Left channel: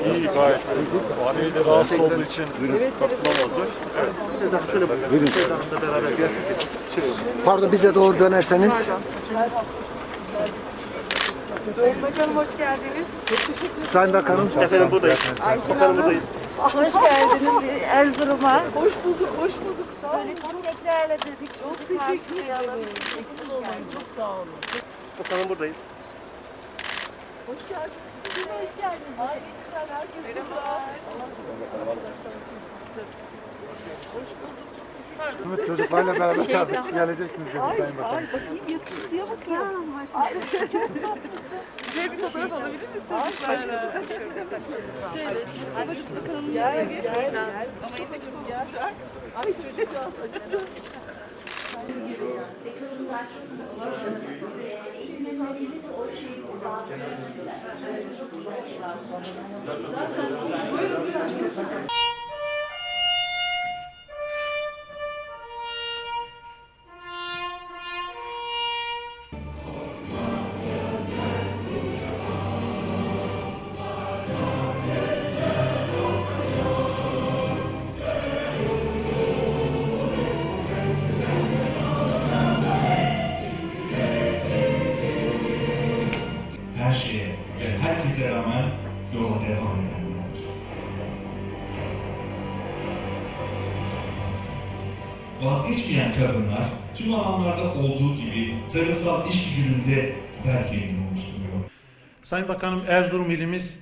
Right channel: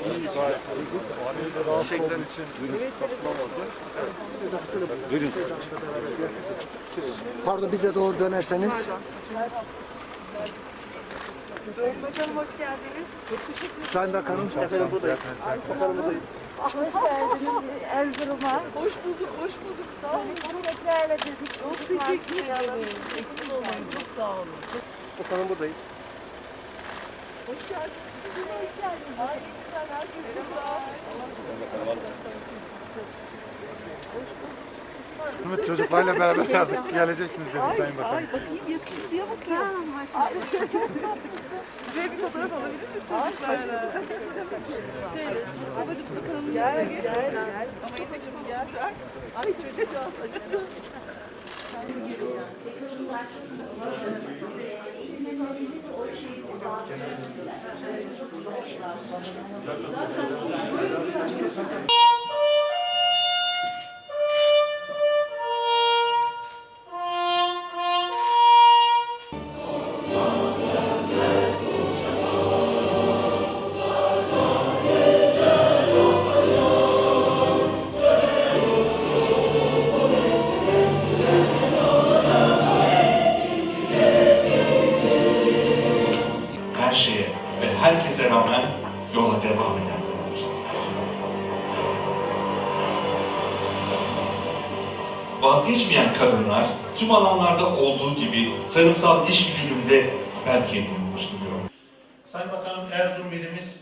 İyi gayet. Valiye de rahatsız olduğu için katılamadı. Buyurun. Pardon bize doğru dönerseniz. Bakanım hoş geldiniz. Çok teşekkür ederim. Sayın Bakanım. Efendim buradayız. Buradayız. Hoş geldiniz Erzurum'a. Hoş bulduk, hoş bulduk. Sağ olun. Tekrarla dedik. Çok teşekkür ederim. Eksik olmayın. Çok sağ olun. Bakanım buradayız. Hoş geldiniz. Siz de hoş geldiniz. Ay ederim. Çocuklarla beraber geleceksiniz dedi Ay, Sayın Bakan. ay bakayım yakışıklıya bakıyorum. Ay, çok tatlısın. Güzel bir fotoğraf alabilir miyiz çocuklarla? Şöyle, babacık bakalım. Gel, gel, gel. Ama yine çok gel. Ay çocukcağız acıktı. Her rağmen yola devam edenlerdir. Vazgeçmeyen kadınlar tüm alanlarda olduğu gibi tarımsal işgüdümünde bel kemiği oluşturuyor. Sayın Bakanım Erzurum ilimiz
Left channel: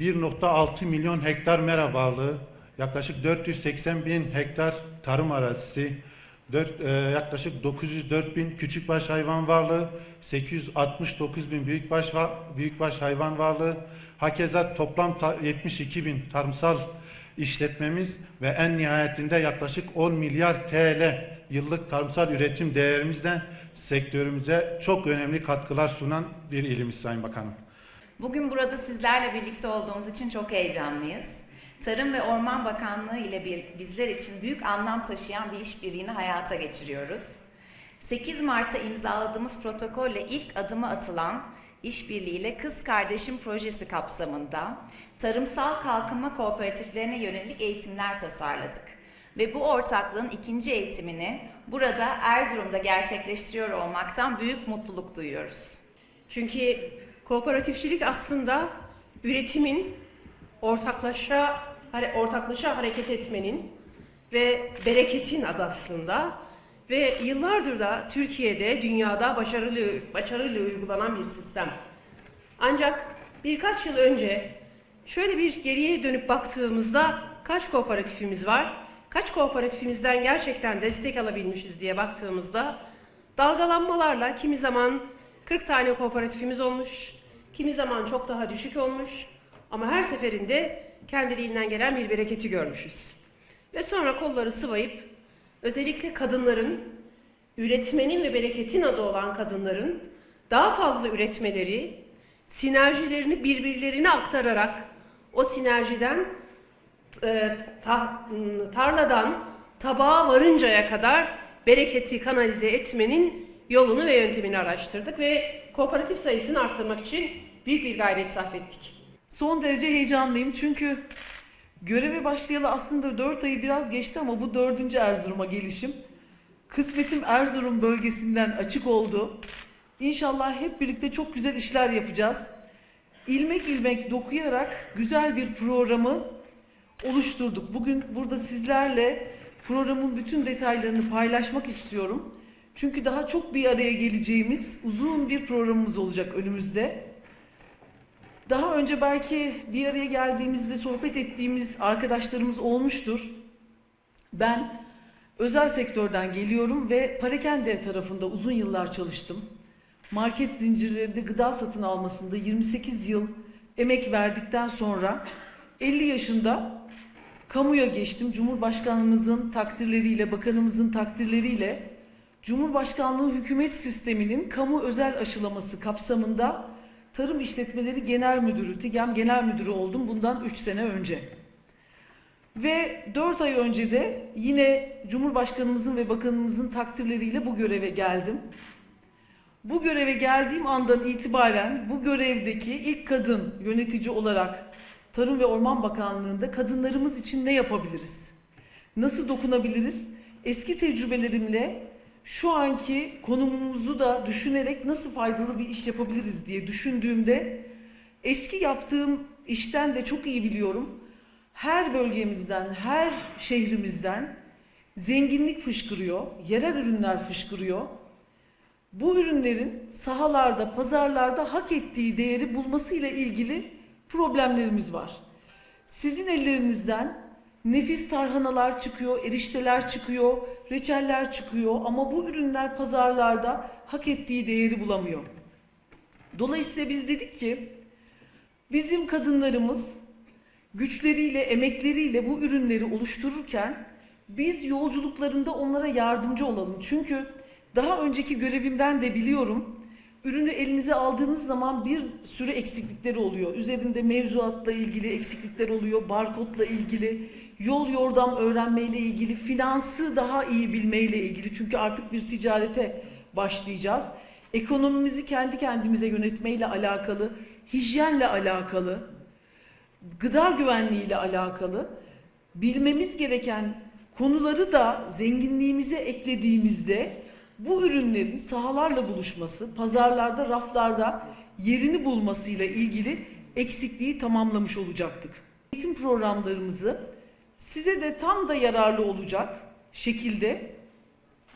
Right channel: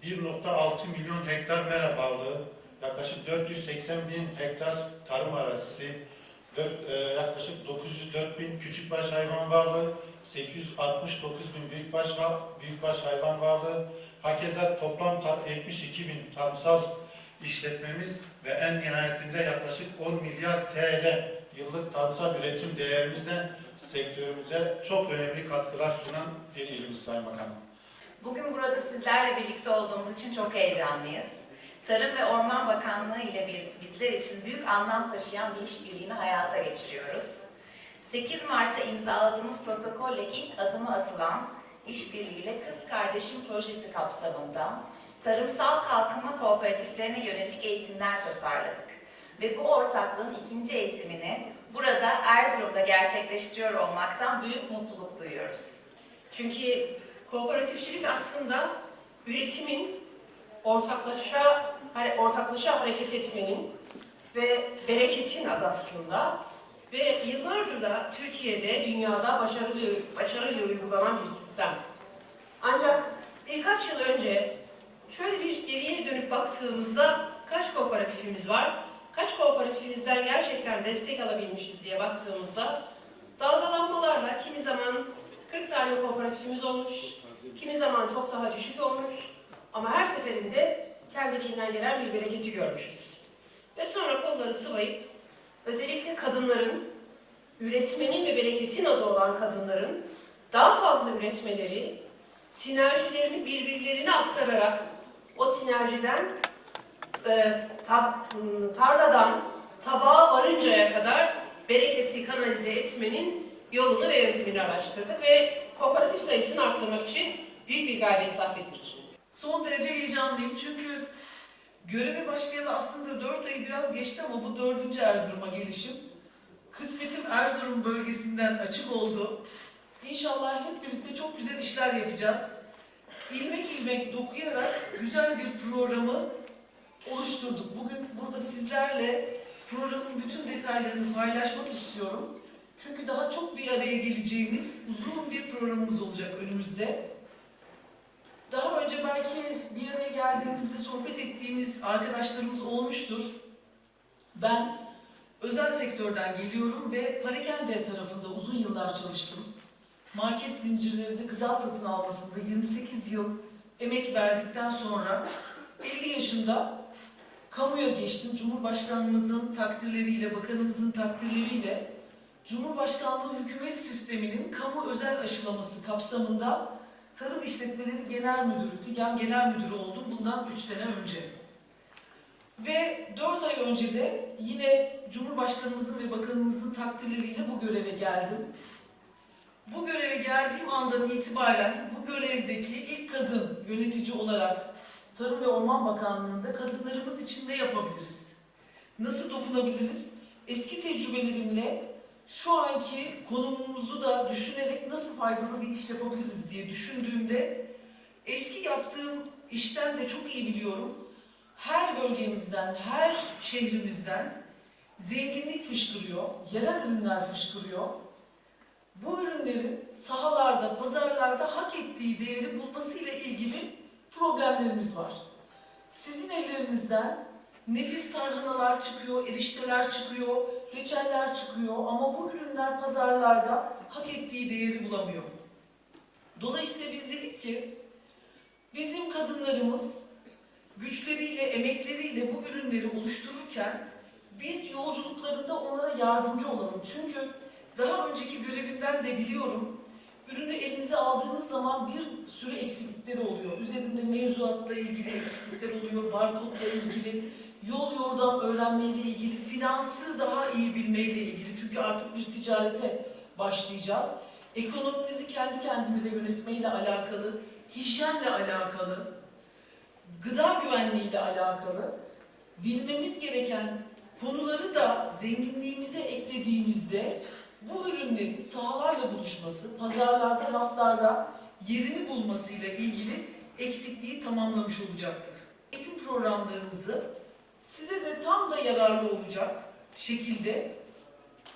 1.6 milyon hektar mera bağlı, yaklaşık 480 bin hektar tarım arazisi, dört- e, yaklaşık 904 bin küçükbaş hayvan varlığı, 869 bin büyükbaş, büyükbaş hayvan varlığı, hakeza toplam ta- 72 bin tarımsal işletmemiz ve en nihayetinde yaklaşık 10 milyar TL yıllık tarımsal üretim değerimizle sektörümüze çok önemli katkılar sunan bir ilimiz Sayın Bakanım. Bugün burada sizlerle birlikte olduğumuz için çok heyecanlıyız. Tarım ve Orman Bakanlığı ile bizler için büyük anlam taşıyan bir işbirliğini hayata geçiriyoruz. 8 Mart'ta imzaladığımız protokolle ilk adımı atılan işbirliğiyle Kız Kardeşim Projesi kapsamında tarımsal kalkınma kooperatiflerine yönelik eğitimler tasarladık. Ve bu ortaklığın ikinci eğitimini burada Erzurum'da gerçekleştiriyor olmaktan büyük mutluluk duyuyoruz. Çünkü kooperatifçilik aslında üretimin ortaklaşa ortaklaşa hareket etmenin ve bereketin adı aslında ve yıllardır da Türkiye'de dünyada başarılı başarıyla uygulanan bir sistem. Ancak birkaç yıl önce şöyle bir geriye dönüp baktığımızda kaç kooperatifimiz var? Kaç kooperatifimizden gerçekten destek alabilmişiz diye baktığımızda dalgalanmalarla kimi zaman 40 tane kooperatifimiz olmuş, kimi zaman çok daha düşük olmuş ama her seferinde kendiliğinden gelen bir bereketi görmüşüz. Ve sonra kolları sıvayıp özellikle kadınların, üretmenin ve bereketin adı olan kadınların daha fazla üretmeleri, sinerjilerini birbirlerine aktararak o sinerjiden e, ta- tarladan tabağa varıncaya kadar bereketi kanalize etmenin yolunu ve yöntemini araştırdık ve kooperatif sayısını arttırmak için büyük bir gayret sarf ettik. Son derece heyecanlıyım çünkü göreve başlayalı aslında 4 ayı biraz geçti ama bu dördüncü Erzurum'a gelişim. Kısmetim Erzurum bölgesinden açık oldu. İnşallah hep birlikte çok güzel işler yapacağız. İlmek ilmek dokuyarak güzel bir programı oluşturduk. Bugün burada sizlerle programın bütün detaylarını paylaşmak istiyorum. Çünkü daha çok bir araya geleceğimiz uzun bir programımız olacak önümüzde. Daha önce belki bir araya geldiğimizde sohbet ettiğimiz arkadaşlarımız olmuştur. Ben özel sektörden geliyorum ve Parakende tarafında uzun yıllar çalıştım. Market zincirlerinde gıda satın almasında 28 yıl emek verdikten sonra 50 yaşında kamuya geçtim. Cumhurbaşkanımızın takdirleriyle, bakanımızın takdirleriyle Cumhurbaşkanlığı hükümet sisteminin kamu özel aşılaması kapsamında Tarım İşletmeleri Genel Müdürü, TİGEM Genel Müdürü oldum bundan 3 sene önce. Ve 4 ay önce de yine Cumhurbaşkanımızın ve bakanımızın takdirleriyle bu göreve geldim. Bu göreve geldiğim andan itibaren bu görevdeki ilk kadın yönetici olarak Tarım ve Orman Bakanlığı'nda kadınlarımız için ne yapabiliriz? Nasıl dokunabiliriz? Eski tecrübelerimle şu anki konumumuzu da düşünerek nasıl faydalı bir iş yapabiliriz diye düşündüğümde eski yaptığım işten de çok iyi biliyorum. Her bölgemizden, her şehrimizden zenginlik fışkırıyor, yerel ürünler fışkırıyor. Bu ürünlerin sahalarda, pazarlarda hak ettiği değeri bulmasıyla ilgili problemlerimiz var. Sizin ellerinizden nefis tarhanalar çıkıyor, erişteler çıkıyor, reçeller çıkıyor ama bu ürünler pazarlarda hak ettiği değeri bulamıyor. Dolayısıyla biz dedik ki bizim kadınlarımız güçleriyle, emekleriyle bu ürünleri oluştururken biz yolculuklarında onlara yardımcı olalım. Çünkü daha önceki görevimden de biliyorum. Ürünü elinize aldığınız zaman bir sürü eksiklikleri oluyor. Üzerinde mevzuatla ilgili eksiklikler oluyor, barkodla ilgili, yol yordam öğrenmeyle ilgili, finansı daha iyi bilmeyle ilgili. Çünkü artık bir ticarete başlayacağız. Ekonomimizi kendi kendimize yönetmeyle alakalı, hijyenle alakalı, gıda güvenliğiyle alakalı bilmemiz gereken konuları da zenginliğimize eklediğimizde bu ürünlerin sahalarla buluşması, pazarlarda, raflarda yerini bulmasıyla ilgili eksikliği tamamlamış olacaktık. Eğitim programlarımızı size de tam da yararlı olacak şekilde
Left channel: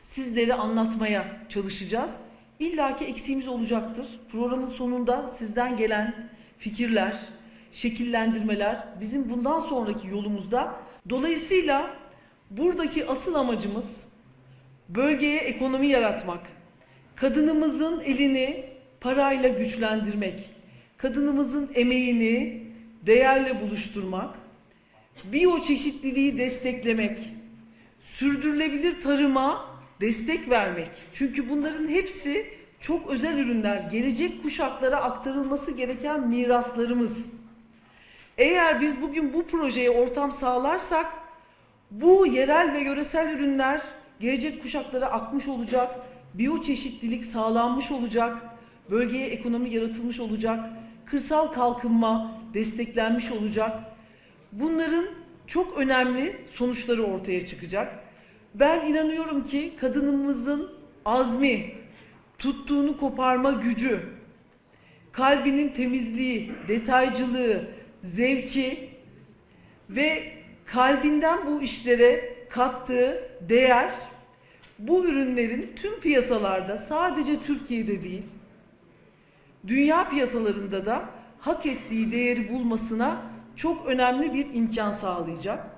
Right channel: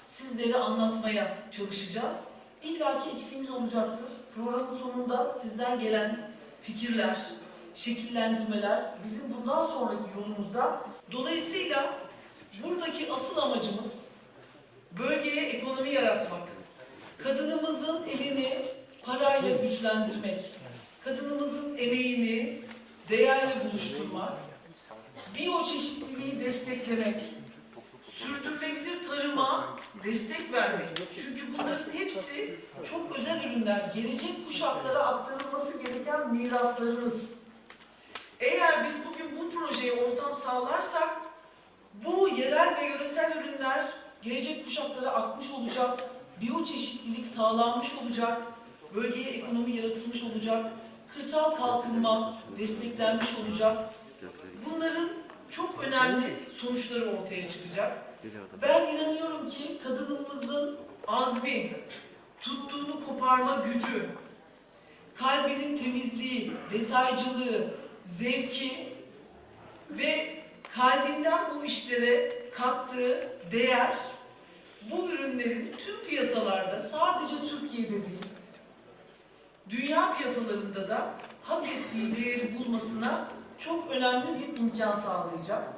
sizlere anlatmaya çalışacağız. İlla ki eksiğimiz olacaktır. Programın sonunda sizden gelen fikirler, şekillendirmeler bizim bundan sonraki yolumuzda. Dolayısıyla buradaki asıl amacımız bölgeye ekonomi yaratmak, kadınımızın elini parayla güçlendirmek, kadınımızın emeğini değerle buluşturmak, biyoçeşitliliği desteklemek, sürdürülebilir tarıma destek vermek. Çünkü bunların hepsi çok özel ürünler, gelecek kuşaklara aktarılması gereken miraslarımız. Eğer biz bugün bu projeye ortam sağlarsak bu yerel ve yöresel ürünler gelecek kuşaklara akmış olacak, biyoçeşitlilik sağlanmış olacak, bölgeye ekonomi yaratılmış olacak, kırsal kalkınma desteklenmiş olacak. Bunların çok önemli sonuçları ortaya çıkacak. Ben inanıyorum ki kadınımızın azmi, tuttuğunu koparma gücü, kalbinin temizliği, detaycılığı, zevki ve kalbinden bu işlere kattığı değer bu ürünlerin tüm piyasalarda sadece Türkiye'de değil dünya piyasalarında da hak ettiği değeri bulmasına çok önemli bir imkan sağlayacak.